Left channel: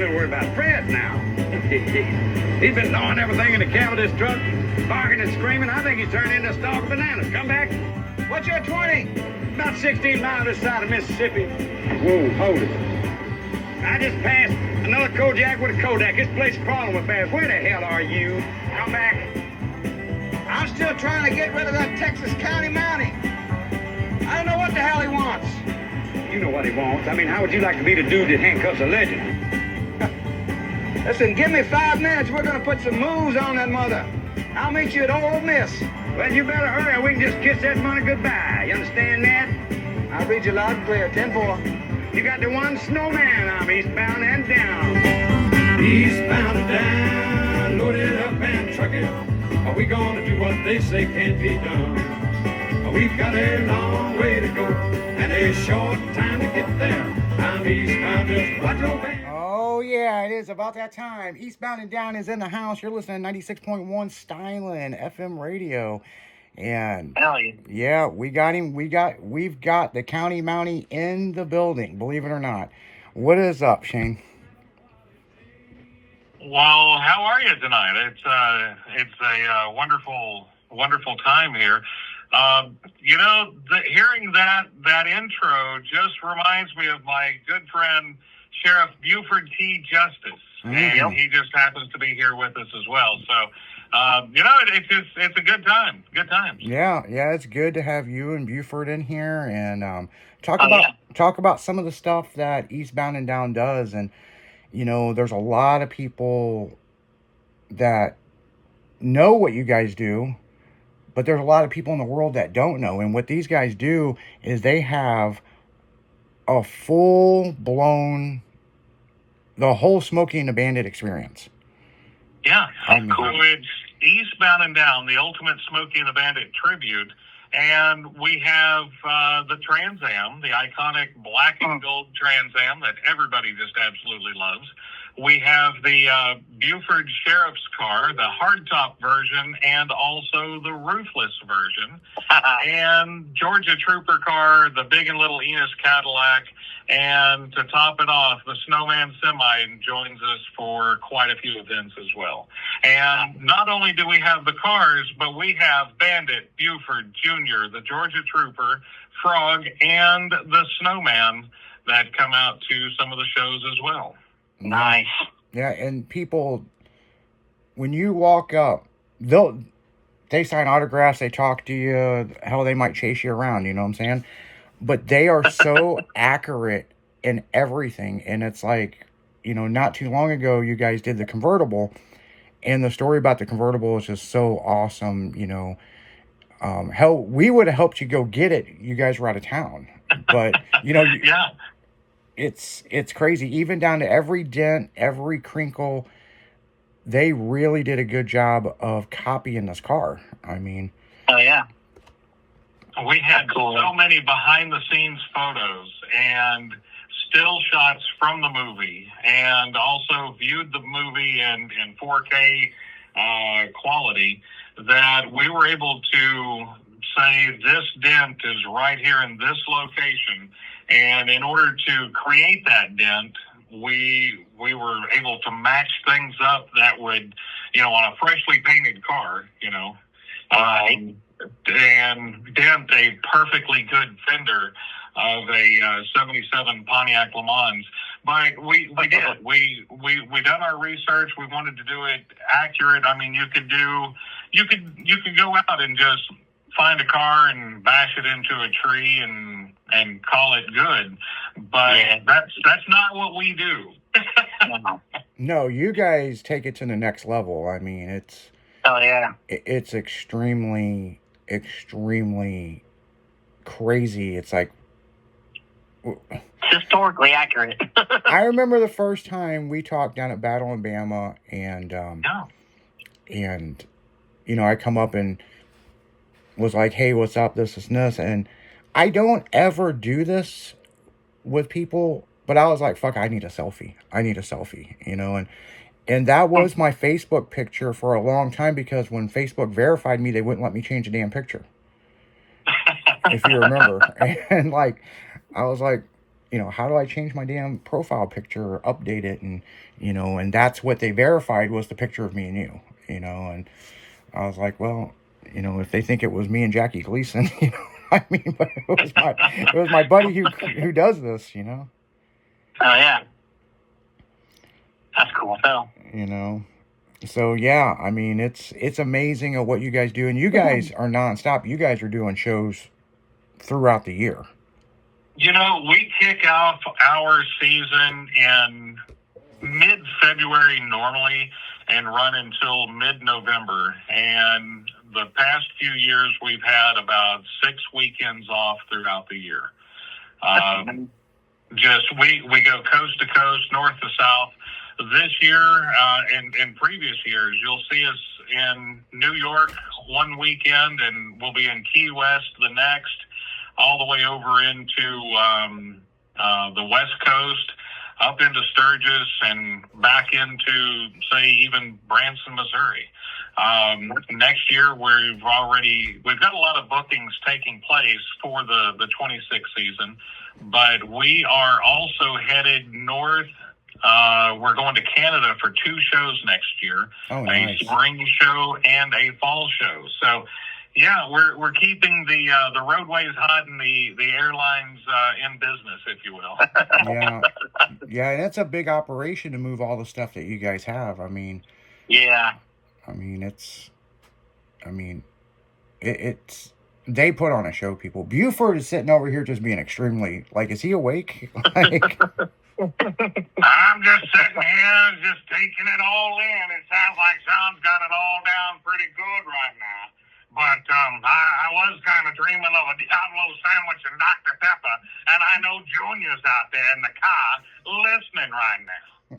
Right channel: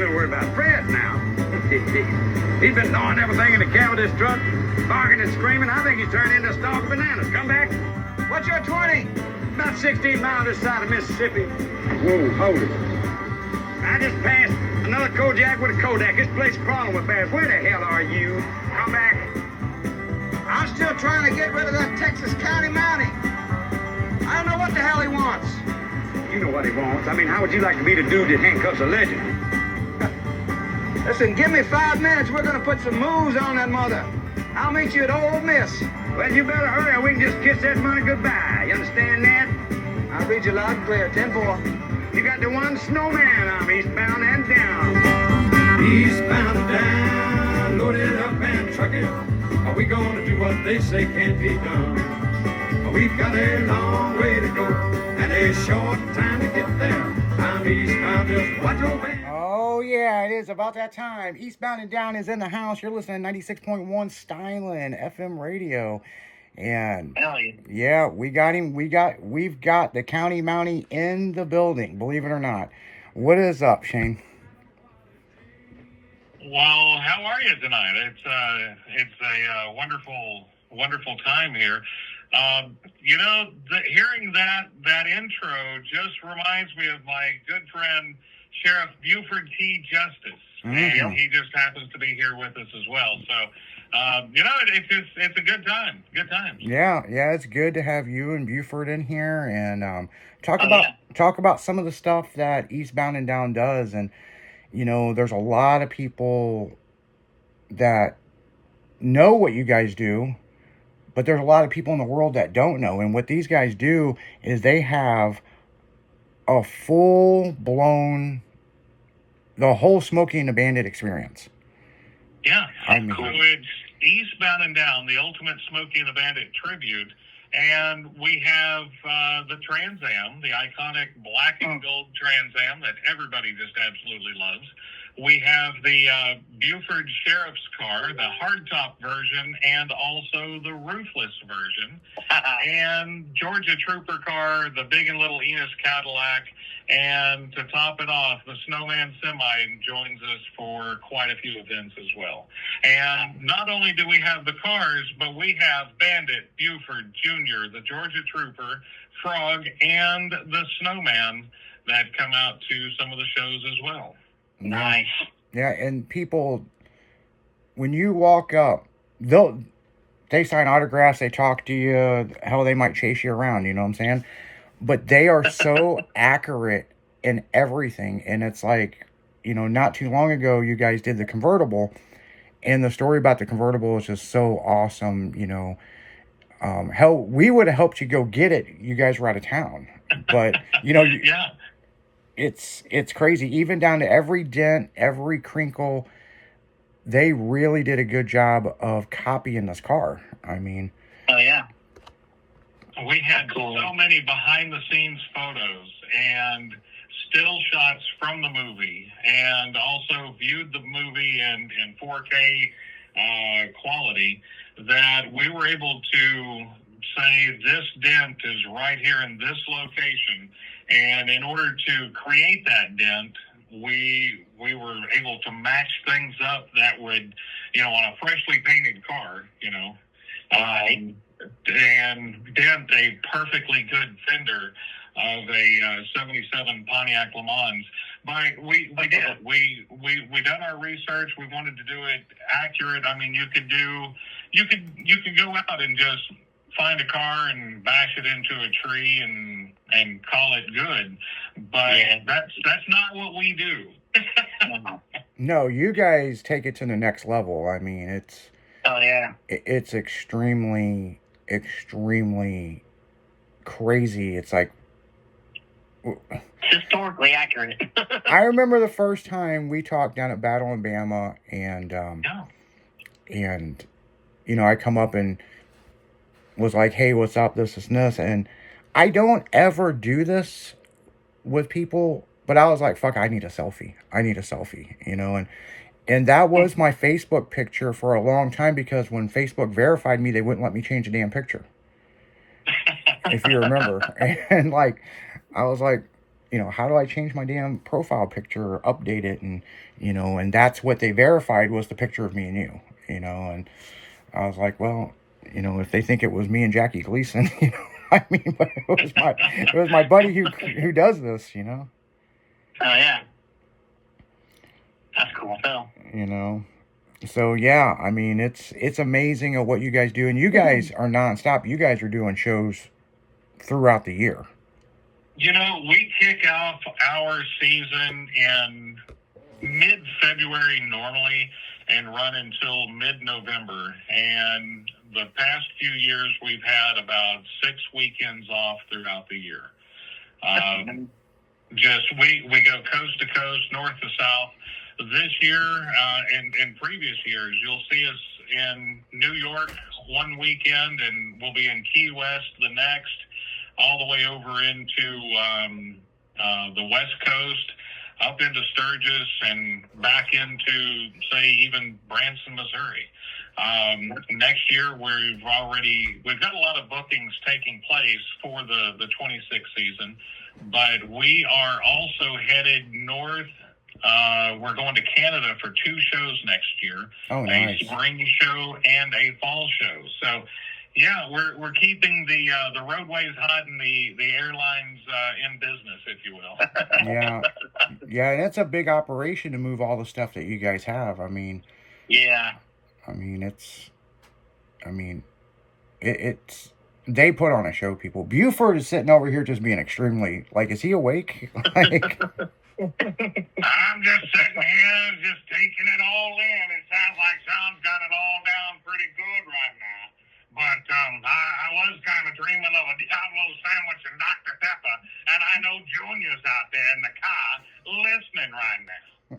a little worried about Fred now. He's been gnawing everything in the cab of this truck, barking and screaming. I think he's turned into a stalk of bananas. Come back. What's your 20? About 16 miles this side of Mississippi. Whoa, hold it. I just passed another Kodiak with a Kodak. This place is crawling with bears. Where the hell are you? Come back. I'm still trying to get rid of that Texas County Mountie. I don't know what the hell he wants. You know what he wants. I mean, how would you like to be the dude that handcuffs a legend? Listen, give me 5 minutes. We're going to put some moves on that mother. I'll meet you at Ole Miss. Well, you better hurry or we can just kiss that money goodbye. You understand that? I'll read you loud and clear. 10-4. You got the one snowman. I'm eastbound and down. Eastbound and down. Load it up and truck it. Are we going to do what they say can't be done? We've got a long way to go and a short time to get there. I'm eastbound, just watch your back. Oh, yeah, it is about that time. Eastbound and Down is in the house. You're listening to 96.1 Stylin FM radio. And yeah, we got him. We've got the County Mountie in the building, believe it or not. What is up, Shane? Well, how are you tonight? It's a wonderful time here. Hearing that intro just reminds me of my good friend Sheriff Buford T. Justice, and he just happens to be here with us as well. So, it's a good time. Good time. Yeah, it's good to have you and Buford in here and talk about some of the stuff that Eastbound and Down does. And there's a lot of people that know what you guys do. But there's a lot of people in the world that don't know. And what these guys do is they have a full-blown, the whole Smokey and the Bandit experience. Yeah. So it's Eastbound and Down, the ultimate Smokey and the Bandit tribute. And we have the Trans Am, the iconic black and gold Trans Am that everybody just absolutely loves. We have the Buford Sheriff's car, the hardtop version, and also the roofless version. And Georgia Trooper car, the big and little Enos Cadillac. And to top it off, the Snowman Semi joins us for quite a few events as well. And not only do we have the cars, but we have Bandit, Buford, Junior, the Georgia Trooper, Frog, and the Snowman that come out to some of the shows as well. Nice. Yeah, and people, when you walk up, they sign autographs, they talk to you, hell, they might chase you around, you know what I'm saying? But they are so accurate in everything, and it's like, not too long ago, you guys did the convertible, and the story about the convertible is just so awesome, hell, we would have helped you go get it, you guys were out of town, but, yeah. It's crazy. Even down to every dent, every crinkle, they really did a good job of copying this car. I mean... Oh, yeah. We had so many behind-the-scenes photos and still shots from the movie, and also viewed the movie in 4K quality, that we were able to say this dent is right here in this location. And in order to create that dent, we were able to match things up that would, on a freshly painted car, and dent a perfectly good fender of a 77 Pontiac Le Mans. But we did. We done our research. We wanted to do it accurate. I mean, you could go out and just find a car and bash it into a tree and call it good, but that's not what we do. No, you guys take it to the next level. I mean, it's extremely crazy. It's like historically accurate. I remember the first time we talked down at Battle in Bama, and I come up and was like, hey, what's up, this and this, and I don't ever do this with people, but I was like, fuck, I need a selfie, and that was my Facebook picture for a long time, because when Facebook verified me, they wouldn't let me change the damn picture, if you remember, and I was like, how do I change my damn profile picture or update it? And, and that's what they verified was the picture of me and you, and I was like, well, if they think it was me and Jackie Gleason, I mean, but it was my buddy who does this, Oh yeah. That's cool, Phil. So yeah, I mean, it's amazing at what you guys do, and you guys are nonstop. You guys are doing shows throughout the year. We kick off our season in mid-February normally and run until mid-November. And the past few years, we've had about 6 weekends off throughout the year. We go coast to coast, north to south. This year, in previous years, you'll see us in New York one weekend, and we'll be in Key West the next, all the way over into the West Coast, up into Sturgis, and back into, say, even Branson, Missouri. Next year, we've got a lot of bookings taking place for the 26th season, but we are also headed north. We're going to Canada for 2 shows next year. Oh, nice. A spring show and a fall show. So, yeah, we're keeping the roadways hot and the airlines in business, if you will. Yeah, that's a big operation to move all the stuff that you guys have. I mean, yeah. It's they put on a show, people. Buford is sitting over here just being extremely, is he awake? I'm just sitting here, just taking it all in. It sounds like Sean's got it all down pretty good right now. But I was kind of dreaming of a Diablo sandwich and Dr. Pepper, and I know Junior's out there in the car listening right now.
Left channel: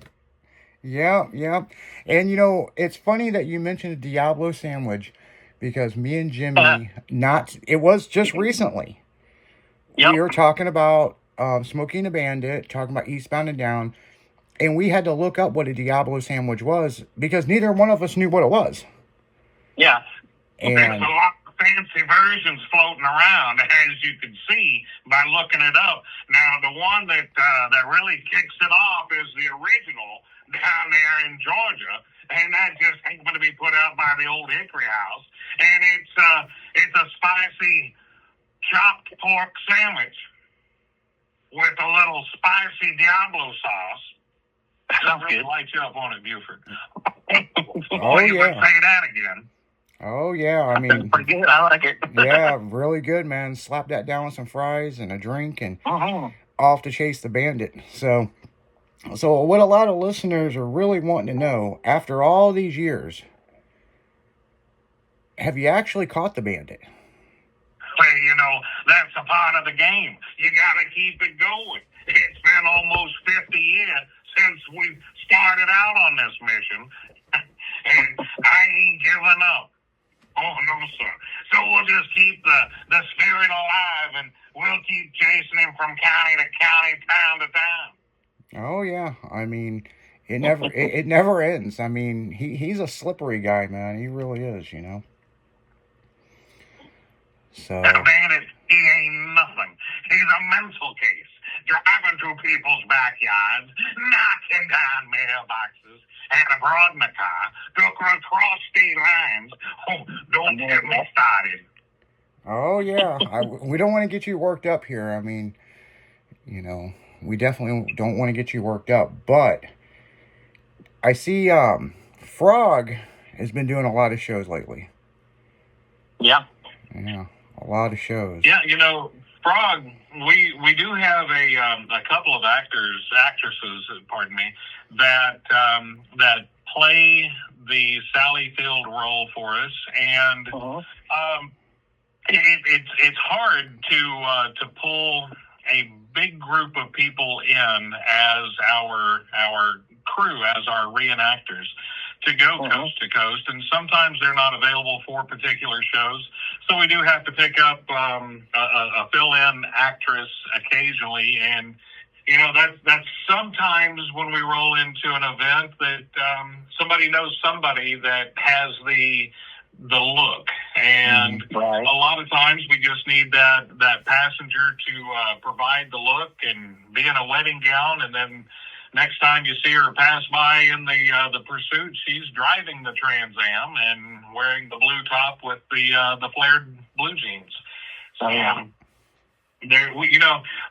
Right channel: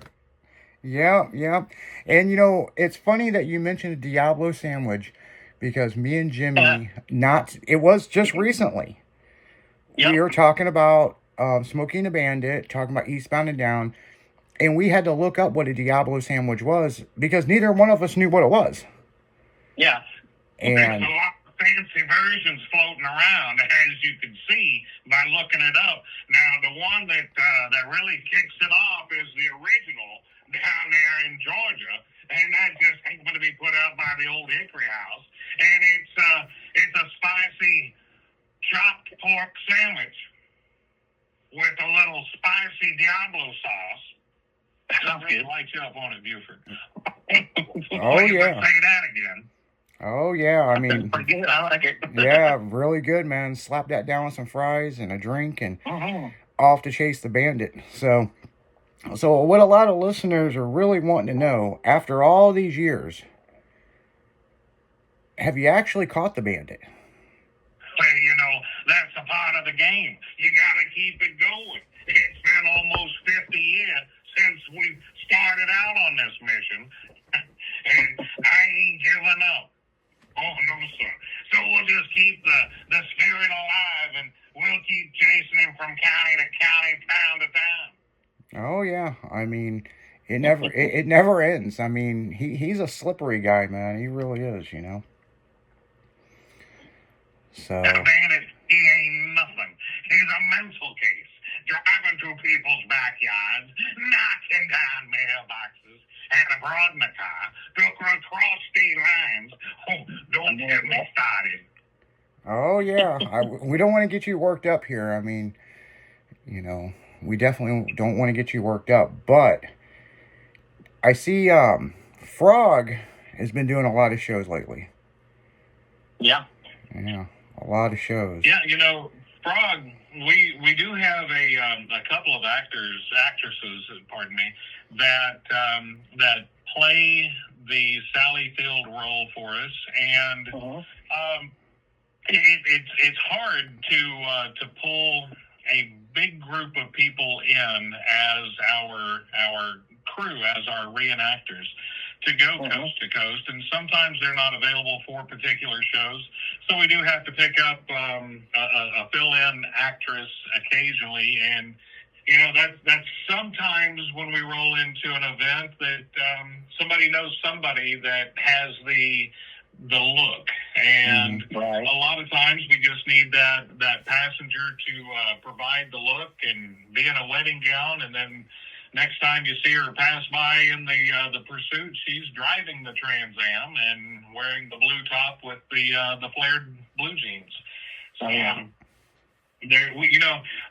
Yeah. And, it's funny that you mentioned a Diablo sandwich, because me and Jimmy, it was just recently. Yep. We were talking about Smokey and the Bandit, talking about Eastbound and Down, and we had to look up what a Diablo sandwich was, because neither one of us knew what it was. Yeah. And there's a lot of fancy versions floating around, as you can see by looking it up. Now, the one that really kicks it off is the original down there in Georgia, and that just ain't going to be put out by the old Hickory House. And it's a spicy chopped pork sandwich with a little spicy Diablo sauce. That really lights you up on it, Buford. Oh, yeah. Say that again. Oh, yeah, I mean... Pretty good, I like it. Yeah, really good, man. Slap that down with some fries and a drink, and off to chase the bandit. So what a lot of listeners are really wanting to know, after all these years, have you actually caught the bandit? Well, that's a part of the game. You got to keep it going. It's been almost 50 years since we started out on this mission, and I ain't giving up. Oh, no, sir. So we'll just keep the spirit alive, and we'll keep chasing him from county to county, town to town. Oh, yeah. I mean, it never ends. I mean, he's a slippery guy, man. He really is, So. That bandit, he ain't nothing. He's a mental case. Driving through people's backyards, knocking down mailboxes, and abroad in the car, took her across state lines. Oh, don't get me started. Oh, yeah. We don't want to get you worked up here. I mean, we definitely don't want to get you worked up. But I see Frog has been doing a lot of shows lately. Yeah. Yeah, a lot of shows. Yeah, Frog, we do have a couple of actresses, pardon me, that play the Sally Field role for us, and it's hard to pull a big group of people in as our crew, as our reenactors, to go coast to coast, and sometimes they're not available for particular shows, so we do have to pick up a fill-in actress occasionally, and that's sometimes when we roll into an event that somebody knows somebody that has the look And Right. a lot of times we just need that passenger to provide the look and be in a wedding gown, and then next time you see her pass by in the Pursuit, she's driving the Trans Am and wearing the blue top with the flared blue jeans. So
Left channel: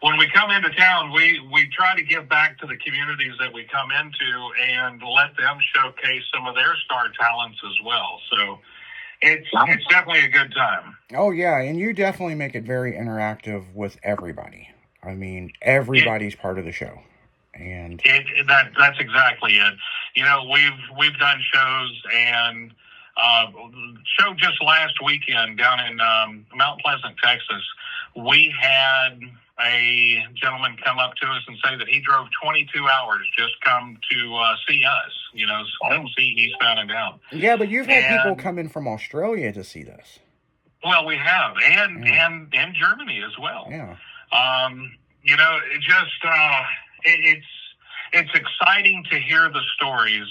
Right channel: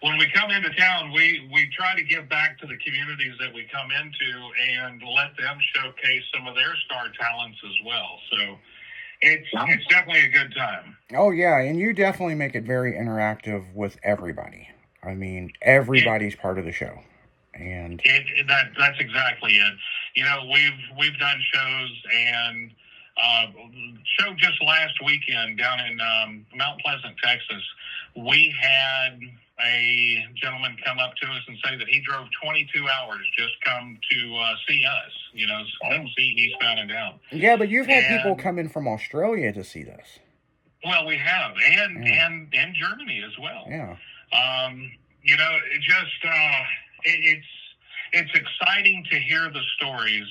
when we come into town, we try to give back to the communities that we come into and let them showcase some of their star talents as well. So it's definitely a good time. Oh yeah, and you definitely make it very interactive with everybody. I mean, everybody's part of the show, and that's exactly it. We've done shows, and show just last weekend down in Mount Pleasant, Texas. We had a gentleman come up to us and say that he drove 22 hours just come to see us, come see Eastbound and Down. Yeah, but you've had people come in from Australia to see this. Well, we have, and Germany as well. Yeah. It's exciting to hear the stories.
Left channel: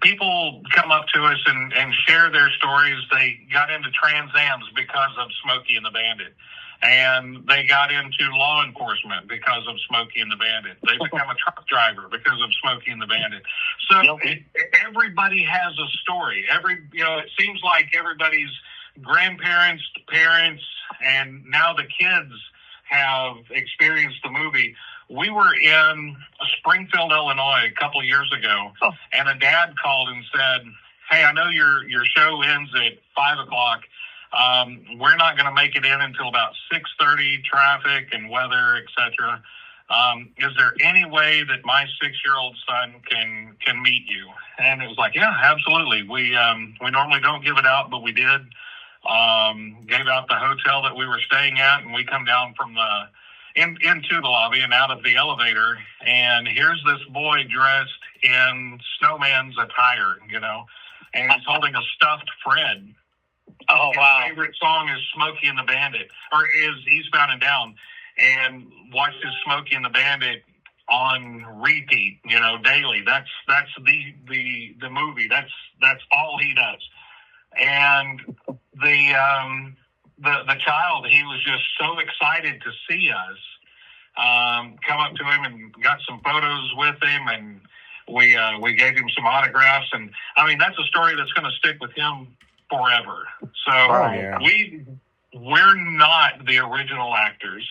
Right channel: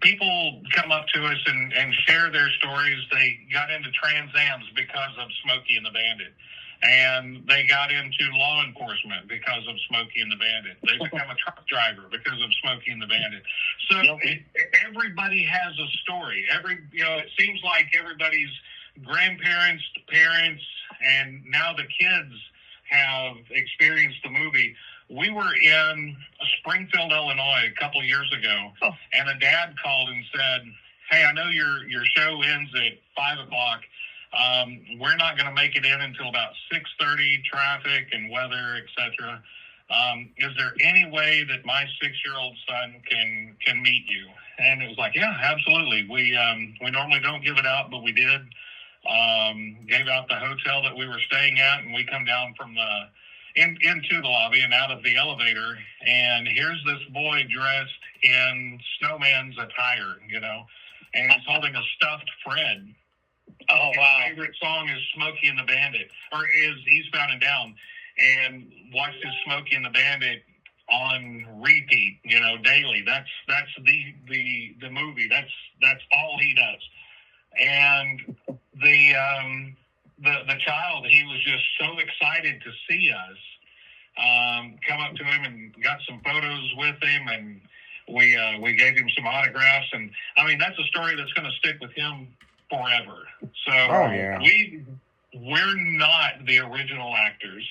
People come up to us and share their stories. They got into Trans Ams because of Smokey and the Bandit. And they got into law enforcement because of Smokey and the Bandit. They become a truck driver because of Smokey and the Bandit. So everybody has a story. It seems like everybody's grandparents, parents, and now the kids have experienced the movie. We were in Springfield, Illinois, a couple of years ago, and a dad called and said, "Hey, I know your show ends at 5:00. We're not going to make it in until about 6:30, traffic and weather, etc. Is there any way that my 6-year-old son can meet you?" And it was like, "Yeah, absolutely. We normally don't give it out, but we did. Gave out the hotel that we were staying at, and we come down from into the lobby and out of the elevator, and here's this boy dressed in snowman's attire, and he's holding a stuffed Fred. Oh, wow. His favorite song is Smokey and the Bandit, or is Eastbound and Down, and watches Smokey and the Bandit on repeat, daily. That's the movie. That's all he does. And the child, he was just so excited to see us. Come up to him and got some photos with him, and we gave him some autographs. And I mean, that's a story that's going to stick with him forever. So we're not the original actors,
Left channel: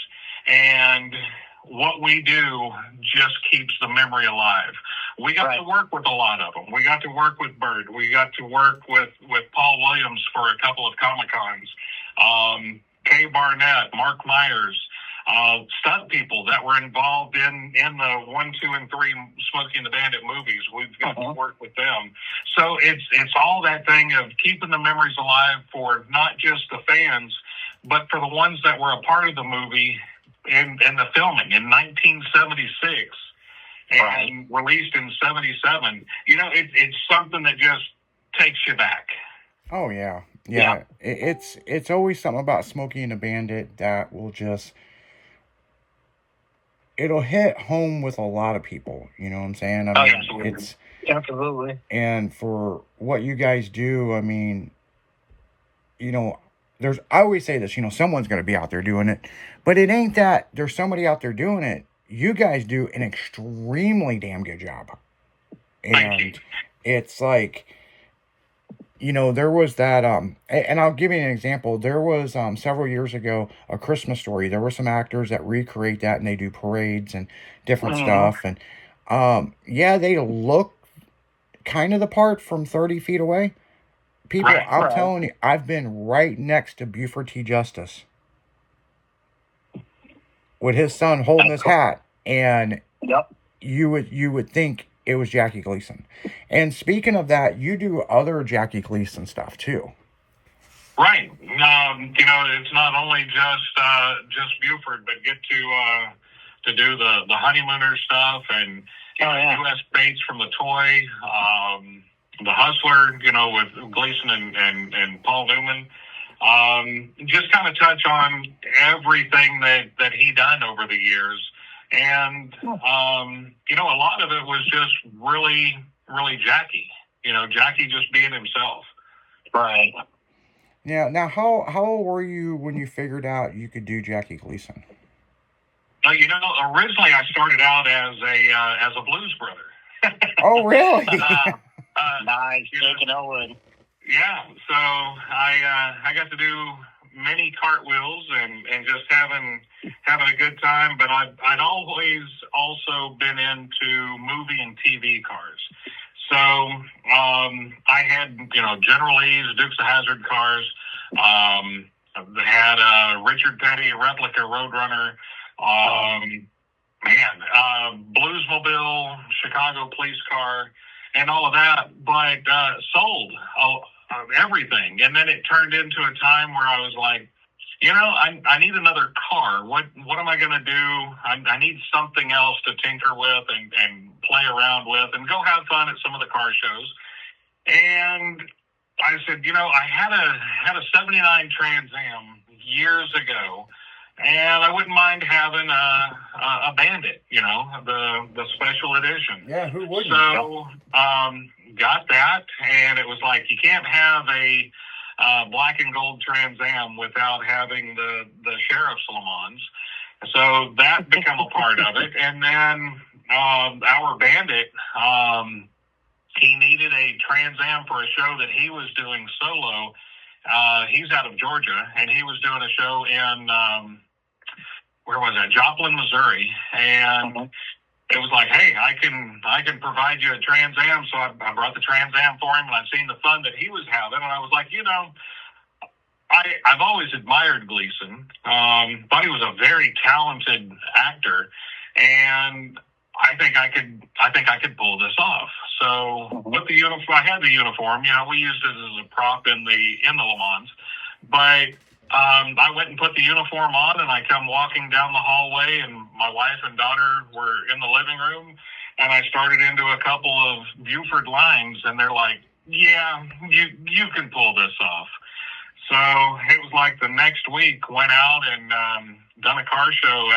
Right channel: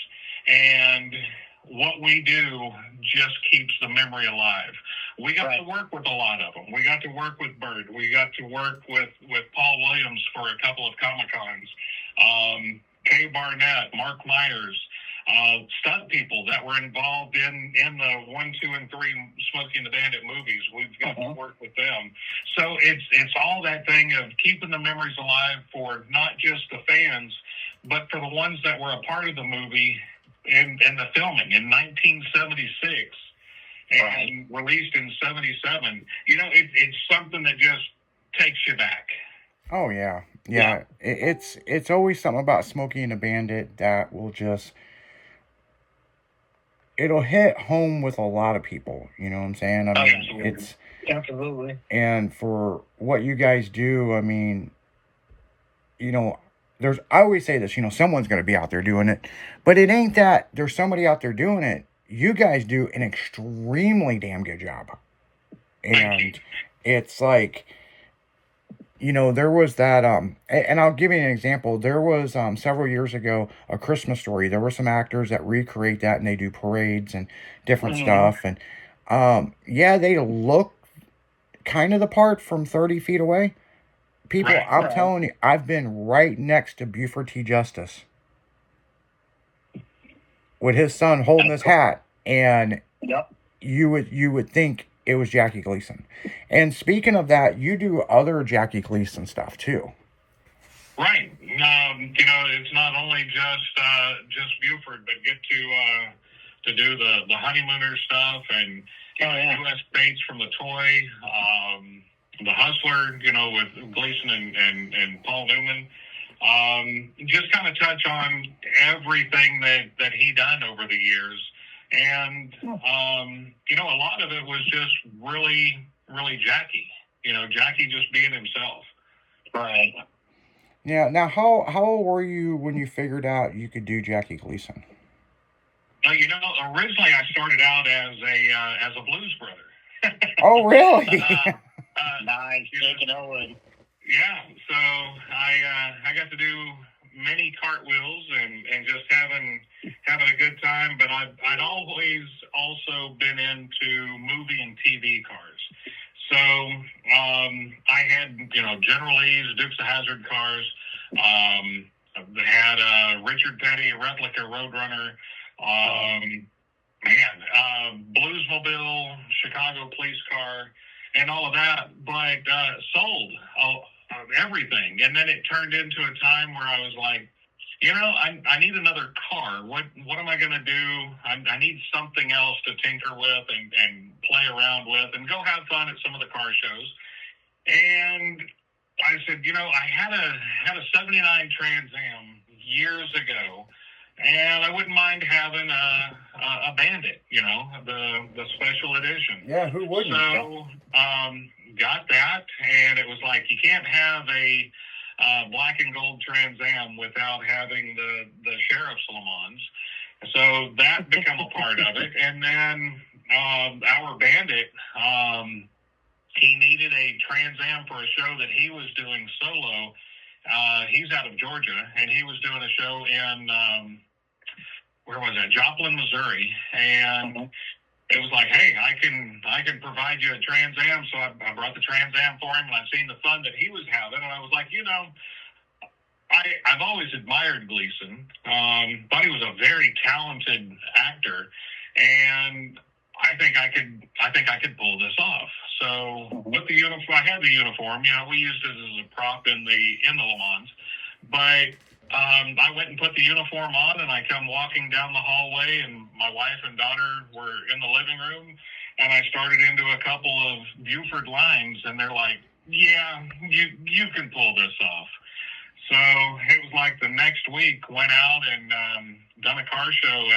and what we do just keeps the memory alive. We got to work with a lot of them. We got to work with Bird. We got to work with Paul Williams for a couple of Comic-Cons. Kay Barnett, Mark Myers, stunt people that were involved in the 1, 2, and 3 Smokey and the Bandit movies. We've got to work with them. So it's all that thing of keeping the memories alive for not just the fans, but for the ones that were a part of the movie in the filming in 1976 and released in 77. It's something that just takes you back. Oh yeah. It's always something about Smokey and the Bandit that will just, it'll hit home with a lot of people. You know what I'm saying? I mean, Absolutely. And for what you guys do, I mean, I always say this, someone's going to be out there doing it, but it ain't that there's somebody out there doing it. You guys do an extremely damn good job. And it's like, there was that, and I'll give you an example. There was, several years ago, A Christmas Story. There were some actors that recreate that, and they do parades and different stuff. And, they look kind of the part from 30 feet away. People, I'm telling you, I've been right next to Buford T. Justice with his son holding his hat, and you would think it was Jackie Gleason. And speaking of that, you do other Jackie Gleason stuff too. Right. It's not only just Buford, but get to do the Honeymooner stuff and U.S. Bates from the Toy, the Hustler, with Gleason and Paul Newman. Just kind of touch on everything that he done over the years. And, a lot of it was just really, really Jackie. Jackie just being himself. Right. Yeah. Now, how old were you when you figured out you could do Jackie Gleason? You know, originally I started out as a blues brother. Oh, really? Nice, Jake and Owen. Yeah. So I got to do many cartwheels and just having a good time. But I'd always also been into movie and TV cars. So I had, you know, General Lee's, Dukes of Hazzard cars. I had a Richard Petty replica Roadrunner. Bluesmobile, Chicago police car, and all of that, but sold everything. And then it turned into a time where I was like, you know, I need another car. What am I going to do? I need something else to tinker with and play around with and go have fun at some of the car shows. And I said, you know, I had a 79 Trans Am years ago, and I wouldn't mind having a Bandit, you know, the special edition. Yeah, who wouldn't? So got that, and it was like, you can't have a black and gold Trans Am without having the Sheriff's Le Mans. So that became a part of it. And then our Bandit, he needed a Trans Am for a show that he was doing solo. He's out of Georgia, and he was doing a show in, where was that? Joplin, Missouri. And it was like, hey, I can provide you a Trans Am. So I brought the Trans Am for him, and I've seen the fun that he was having. And I was like, you know, I've always admired Gleason. Thought he was a very talented actor, and I think I could pull this off. So with the uniform, I had the uniform. You know, we used it as a prop in the Le Mans, but I went and put the uniform on, and I come walking down the hallway, and my wife and daughter were in the living room, and I started into a couple of Buford lines, and they're like, yeah, you can pull this off. So it was like the next week went out and done a car show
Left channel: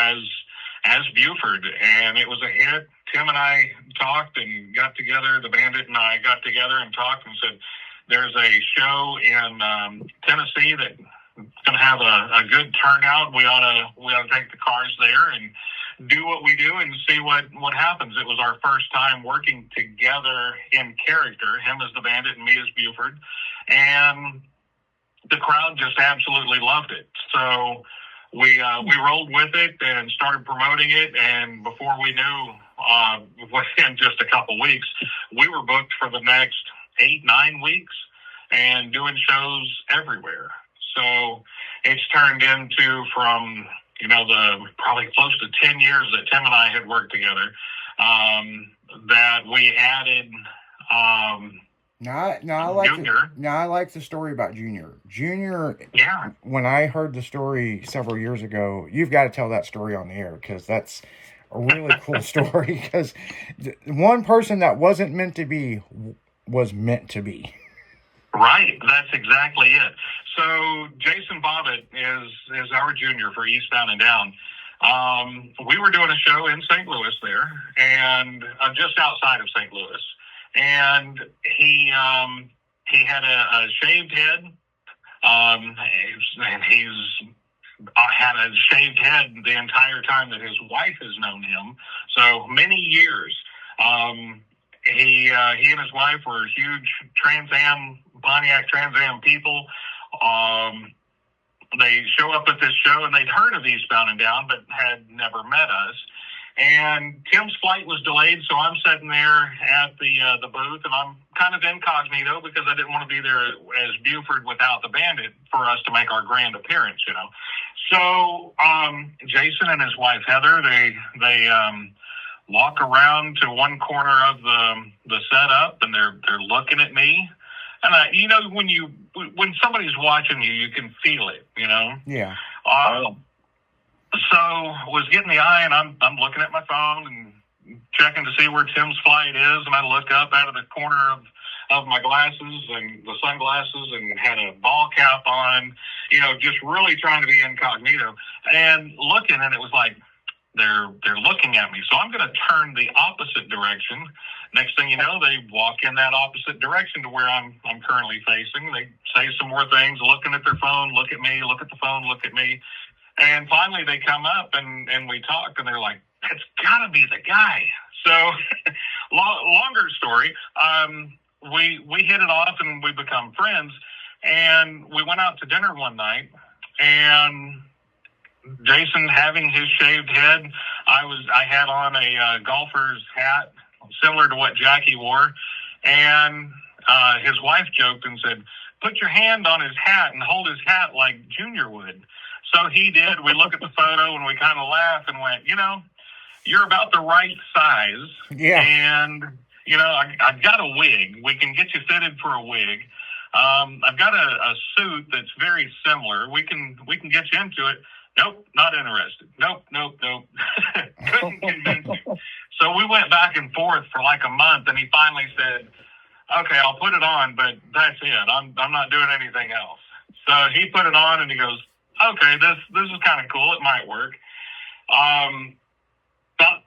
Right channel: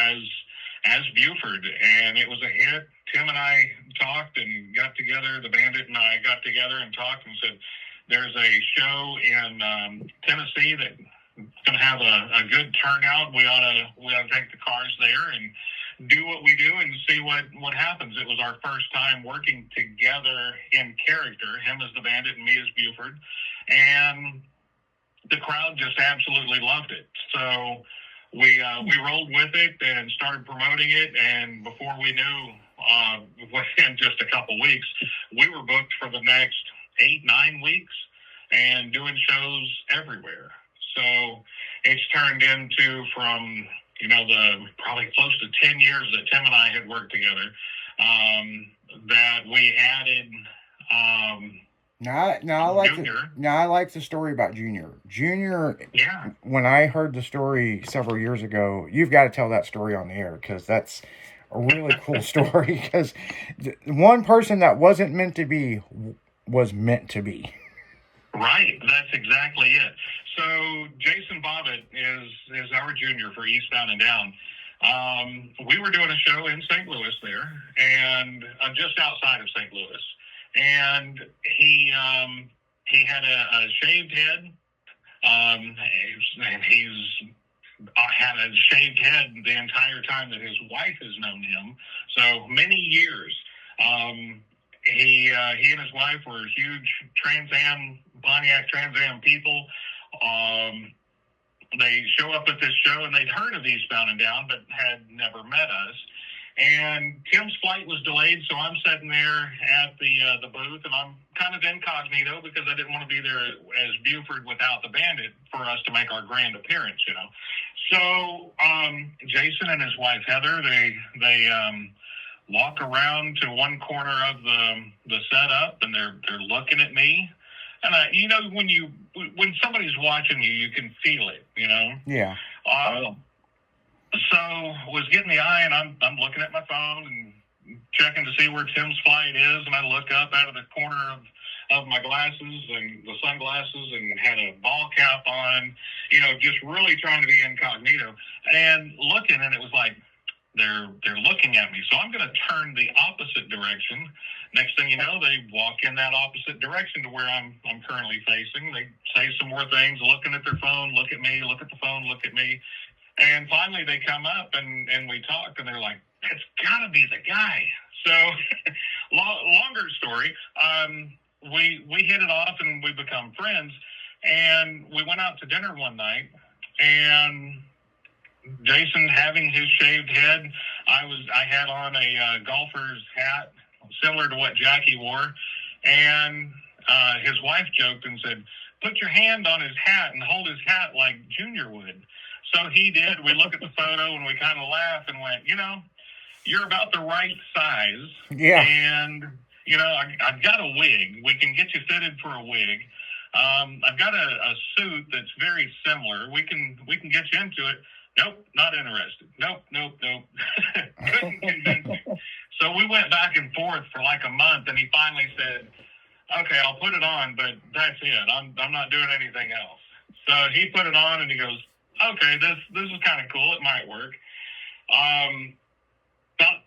as Buford, and it was a hit. Tim and I talked and got together, the Bandit and I got together and talked and said, there's a show in Tennessee that's going to have a good turnout. We ought to take the cars there and do what we do and see what happens. It was our first time working together in character, him as the Bandit and me as Buford. And the crowd just absolutely loved it. So we rolled with it and started promoting it. And before we knew, within just a couple weeks, we were booked for the next 8-9 weeks and doing shows everywhere. So it's turned into, from, you know, the probably close to 10 years that Tim and I had worked together, that we added I like the story about Junior. Junior, yeah. When I heard the story several years ago, you've got to tell that story on the air, because that's a really cool story. Because one person that wasn't meant to be was meant to be. Right, that's exactly it. So Jason Bobbitt is our Junior for Eastbound and Down. We were doing a show in St. Louis there, and just outside of St. Louis. And he had a shaved head. And he's had a shaved head the entire time that his wife has known him. So many years. He and his wife were huge Pontiac Trans Am people. They show up at this show, and they'd heard of Eastbound and Down, but had never met us. And Tim's flight was delayed, so I'm sitting there at the booth, and I'm kind of incognito because I didn't want to be there as Buford without the Bandit for us to make our grand appearance, you know. So Jason and his wife Heather, they walk around to one corner of the setup, and they're looking at me. And you know, when somebody's watching you, you can feel it, you know. Yeah. So was getting the eye, and I'm looking at my phone and checking to see where Tim's flight is, and I look up out of the corner of my glasses and the sunglasses, and had a ball cap on, you know, just really trying to be incognito and looking, and it was like, they're looking at me. So I'm going to turn the opposite direction. Next thing you know, they walk in that opposite direction to where I'm currently facing. They say some more things, looking at their phone, look at me, look at the phone, look at me. And finally they come up and we talk, and they're like, that's got to be the guy. So longer story, we hit it off and we become friends. And we went out to dinner one night, and Jason having his shaved head, I had on a golfer's hat similar to what Jackie wore, and his wife joked and said, put your hand on his hat and hold his hat like Junior would. So he did. We look at the photo and we kind of laugh and went, you're about the right size. Yeah. And, I've got a wig. We can get you fitted for a wig. I've got a suit that's very similar. We can get you into it. Nope, not interested. Nope. Couldn't convince you. So we went back and forth for like a month, and he finally said, okay, I'll put it on, but that's it. I'm not doing anything else. So he put it on, and he goes, okay, this is kind of cool. It might work. About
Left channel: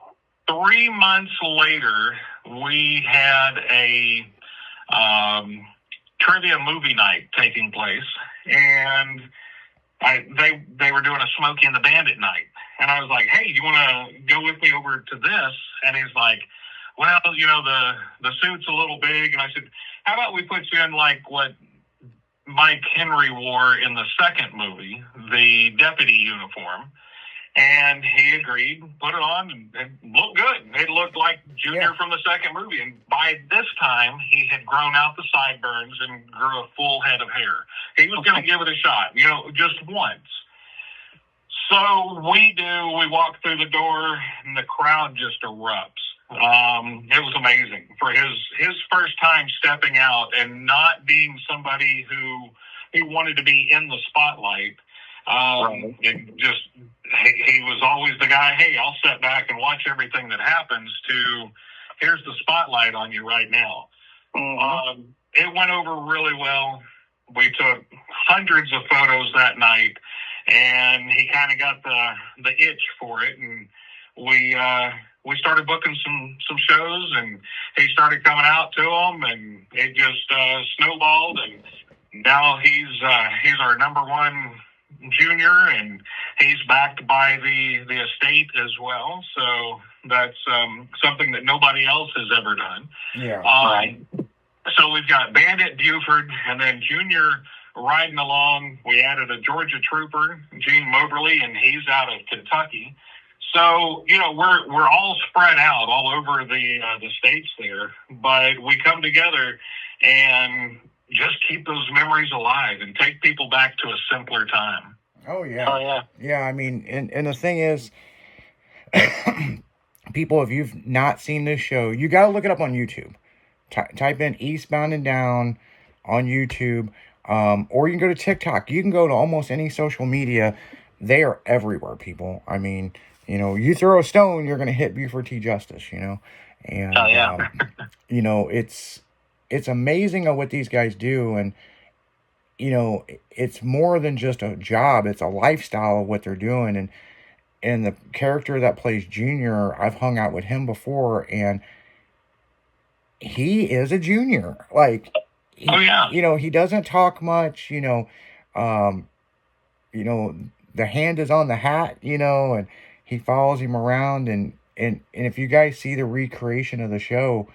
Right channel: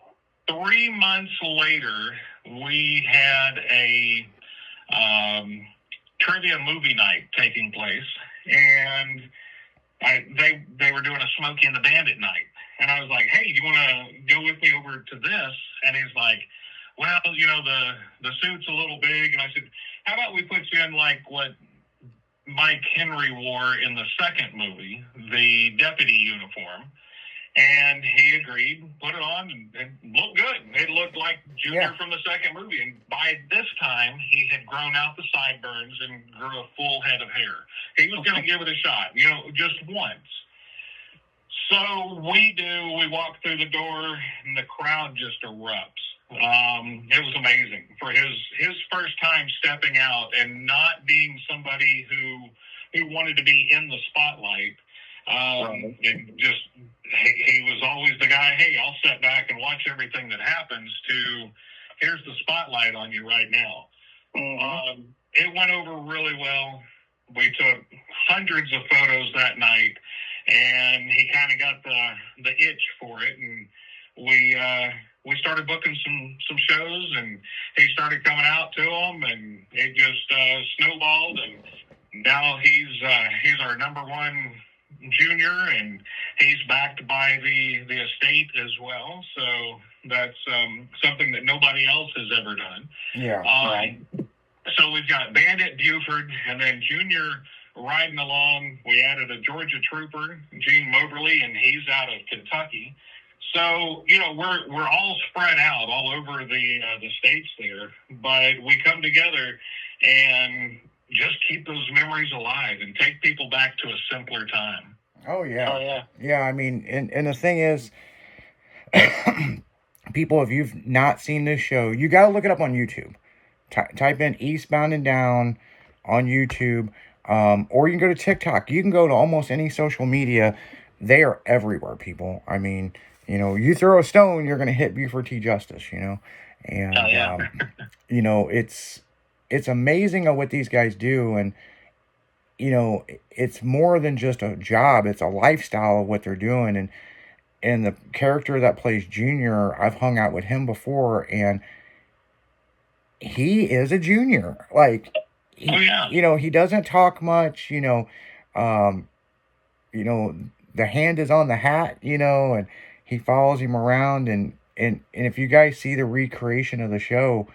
3 months later, we had a trivia movie night taking place, and they were doing a Smokey and the Bandit night. And I was like, hey, you want to go with me over to this? And he's like, well, the suit's a little big. And I said, how about we put you in like what Mike Henry wore in the second movie, the deputy uniform? And he agreed, put it on, and it looked good. It looked like Junior from the second movie. And by this time, he had grown out the sideburns and grew a full head of hair. He was going to give it a shot, just once. So we walk through the door, and the crowd just erupts. It was amazing for his first time stepping out and not being somebody who wanted to be in the spotlight. He was always the guy, hey, I'll step back and watch everything that happens, to here's the spotlight on you right now. Mm-hmm. It went over really well. We took hundreds of photos that night, and he kind of got the itch for it, and we started booking some shows, and he started coming out to them, and it just snowballed, and now he's our number one junior, and he's backed by the estate as well. So that's something that nobody else has ever done. Yeah. Right. So we've got Bandit, Buford, and then Junior riding along. We added a Georgia trooper, Gene Moberly, and he's out of Kentucky. So, we're all spread out all over the states there, but we come together and just keep those memories alive and take people back to a simpler time. Oh, yeah. Yeah, I mean, and the thing is, people, if you've not seen this show, you got to look it up on YouTube. Type in Eastbound and Down on YouTube, or you can go to TikTok. You can go to almost any social media. They are everywhere, people. I mean, you throw a stone, you're going to hit Buford T. Justice, And, it's amazing at what these guys do. And, it's more than just a job. It's a lifestyle of what they're doing. And the character that plays Junior, I've hung out with him before, and he is a junior. Like, he doesn't talk much, the hand is on the hat, and he follows him around. And if you guys see the recreation of the show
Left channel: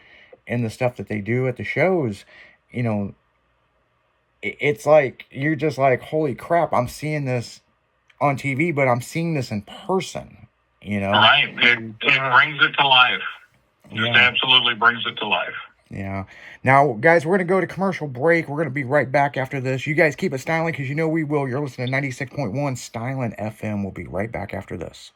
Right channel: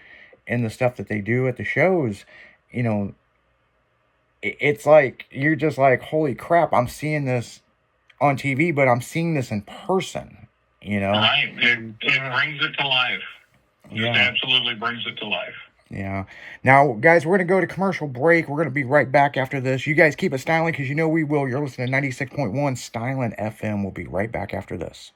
and the stuff that they do at the shows, it's like, you're just like, holy crap, I'm seeing this on TV, but I'm seeing this in person, Right. It brings it to life. It absolutely brings it to life. Yeah. Now, guys, we're going to go to commercial break. We're going to be right back after this. You guys keep it styling, because we will. You're listening to 96.1 Styling FM. We'll be right back after this.